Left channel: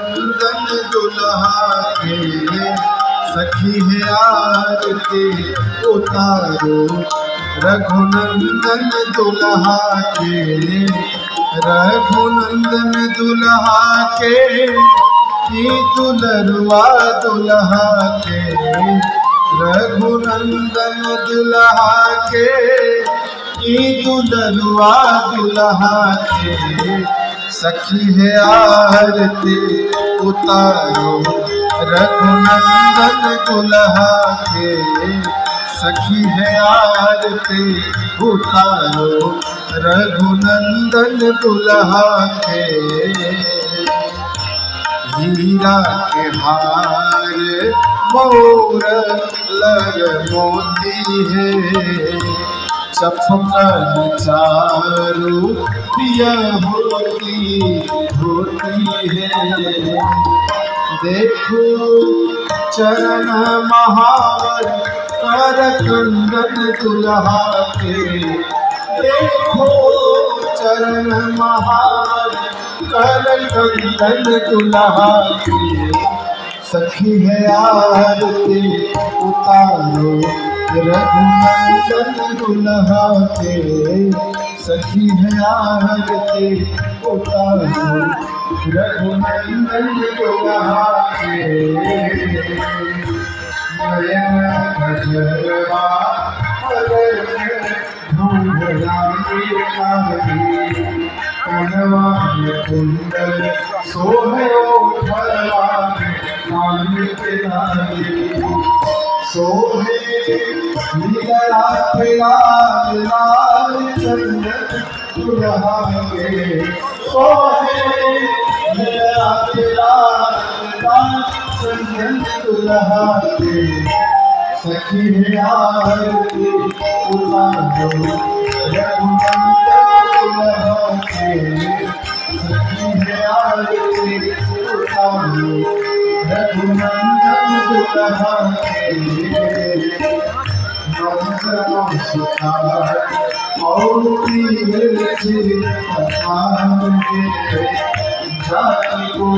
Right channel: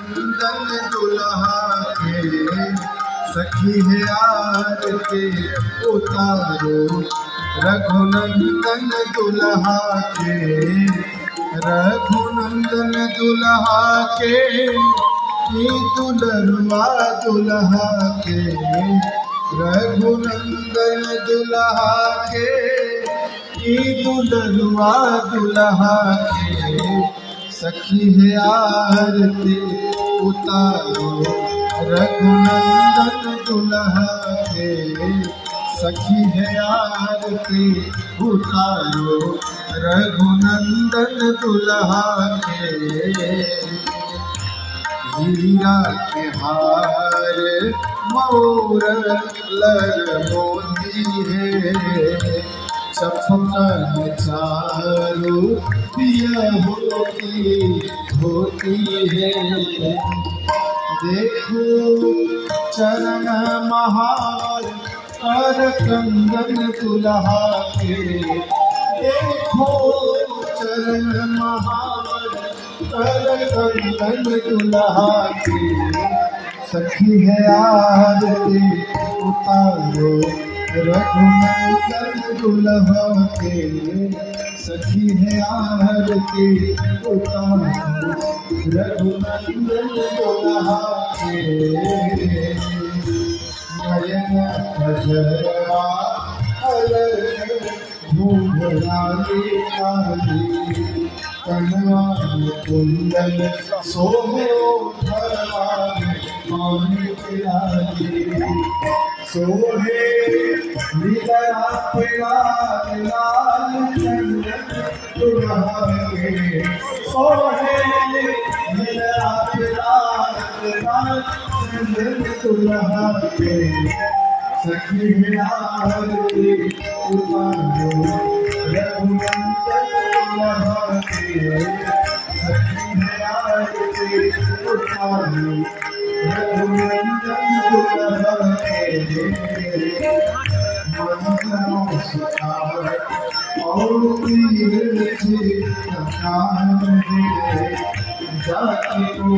नंदन दुल्हा के सखी है आरती उतारो। रघुनंदन दुल्हा के, रघुनंदन दुल्हा के, ई दुलरुआ दुल्हा के। रघुनंदन दुल्हा के, ई दुलरुआ दुल्हा के सखी है आरती उतारो। रघुनंदन दुल्हा के सखी है आरती उतारो। रघुनंदन दुल्हा के हीरा के हार मोर लग मोती है। चपकन चारू पिया होती है। देखो चरण महावर कर कंदन दुल्हा के। देखो चरण महावर कर कंदन दुल्हा के सखी है आरती उतारो। रघुनंदन दुल्हा के सखी है आरती उतारो। रघुनंदन दुल्हा के नयन गजरवा कनवा कुंडल सोहयो सोहे लीला लाल चंदन दुल्हा के। सोहे लीला लाल चंदन दुल्हा के सखी है आरती उतारो। रघुनंदन दुल्हा के सखी है आरती उतारो। रघुनंदन दुल्हा के मंत्र सुखार और जाति को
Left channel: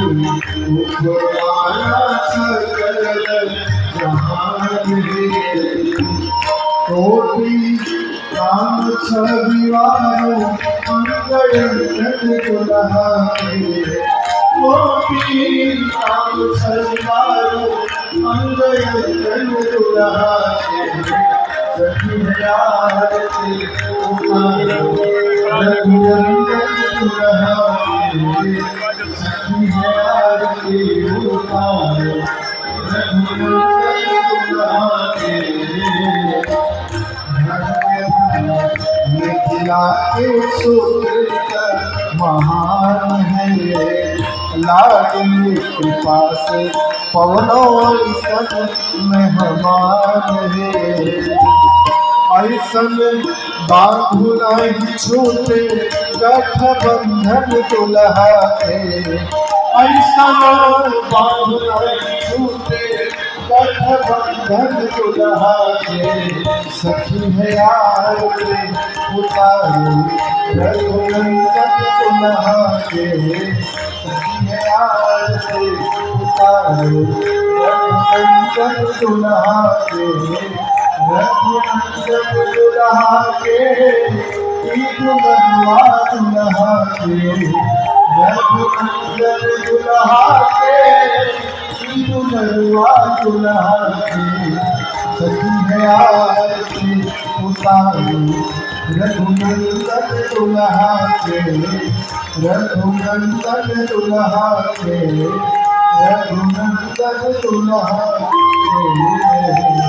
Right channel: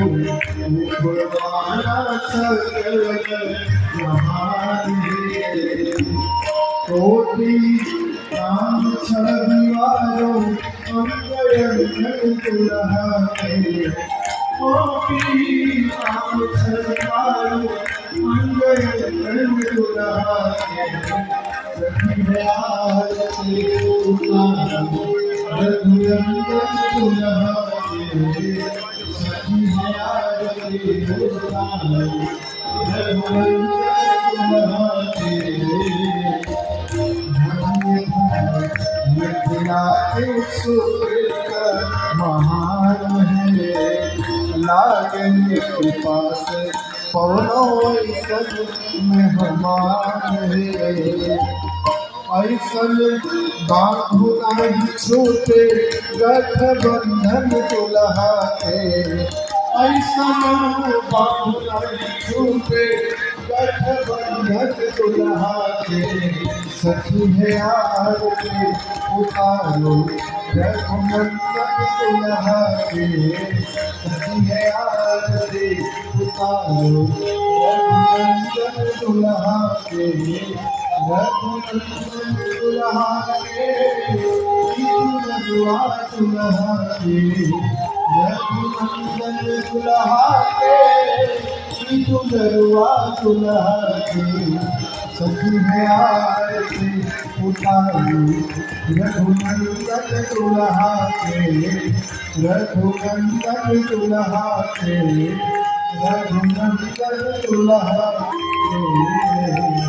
उपमाना सकल जहान है। कोटि काम छविवारो मंगलंदन दुल्हा के। कोटि काम छविवारो मंगलंदन दुल्हा के सखी है आरती उतारो। रघुनंदन दुल्हा के सखी है आरती उतारो। रघुनंदन दुल्हा के मिथिला के सूत्र महान है। लाडली कृपा से पवनो सब मेहमान है। ऐसन बांधु नहीं छूटे गठबंधन दुल्हा के। ऐसन बांधु नहीं छूटे गठबंधन दुल्हा के सखी है आरती उतारो। रघुनंदन दुल्हा के सखी है आरती उतारो। रघुनंदन दुल्हा के, रघुनंदन दुल्हा के, ई दुलरुआ दुल्हा के। रघुनंदन दुल्हा के, ई दुलरुआ दुल्हा के सखी है आरती उतारो। रघुनंदन दुल्हा के, रघुनंदन दुल्हा के, रघुनंदन दुल्हा के।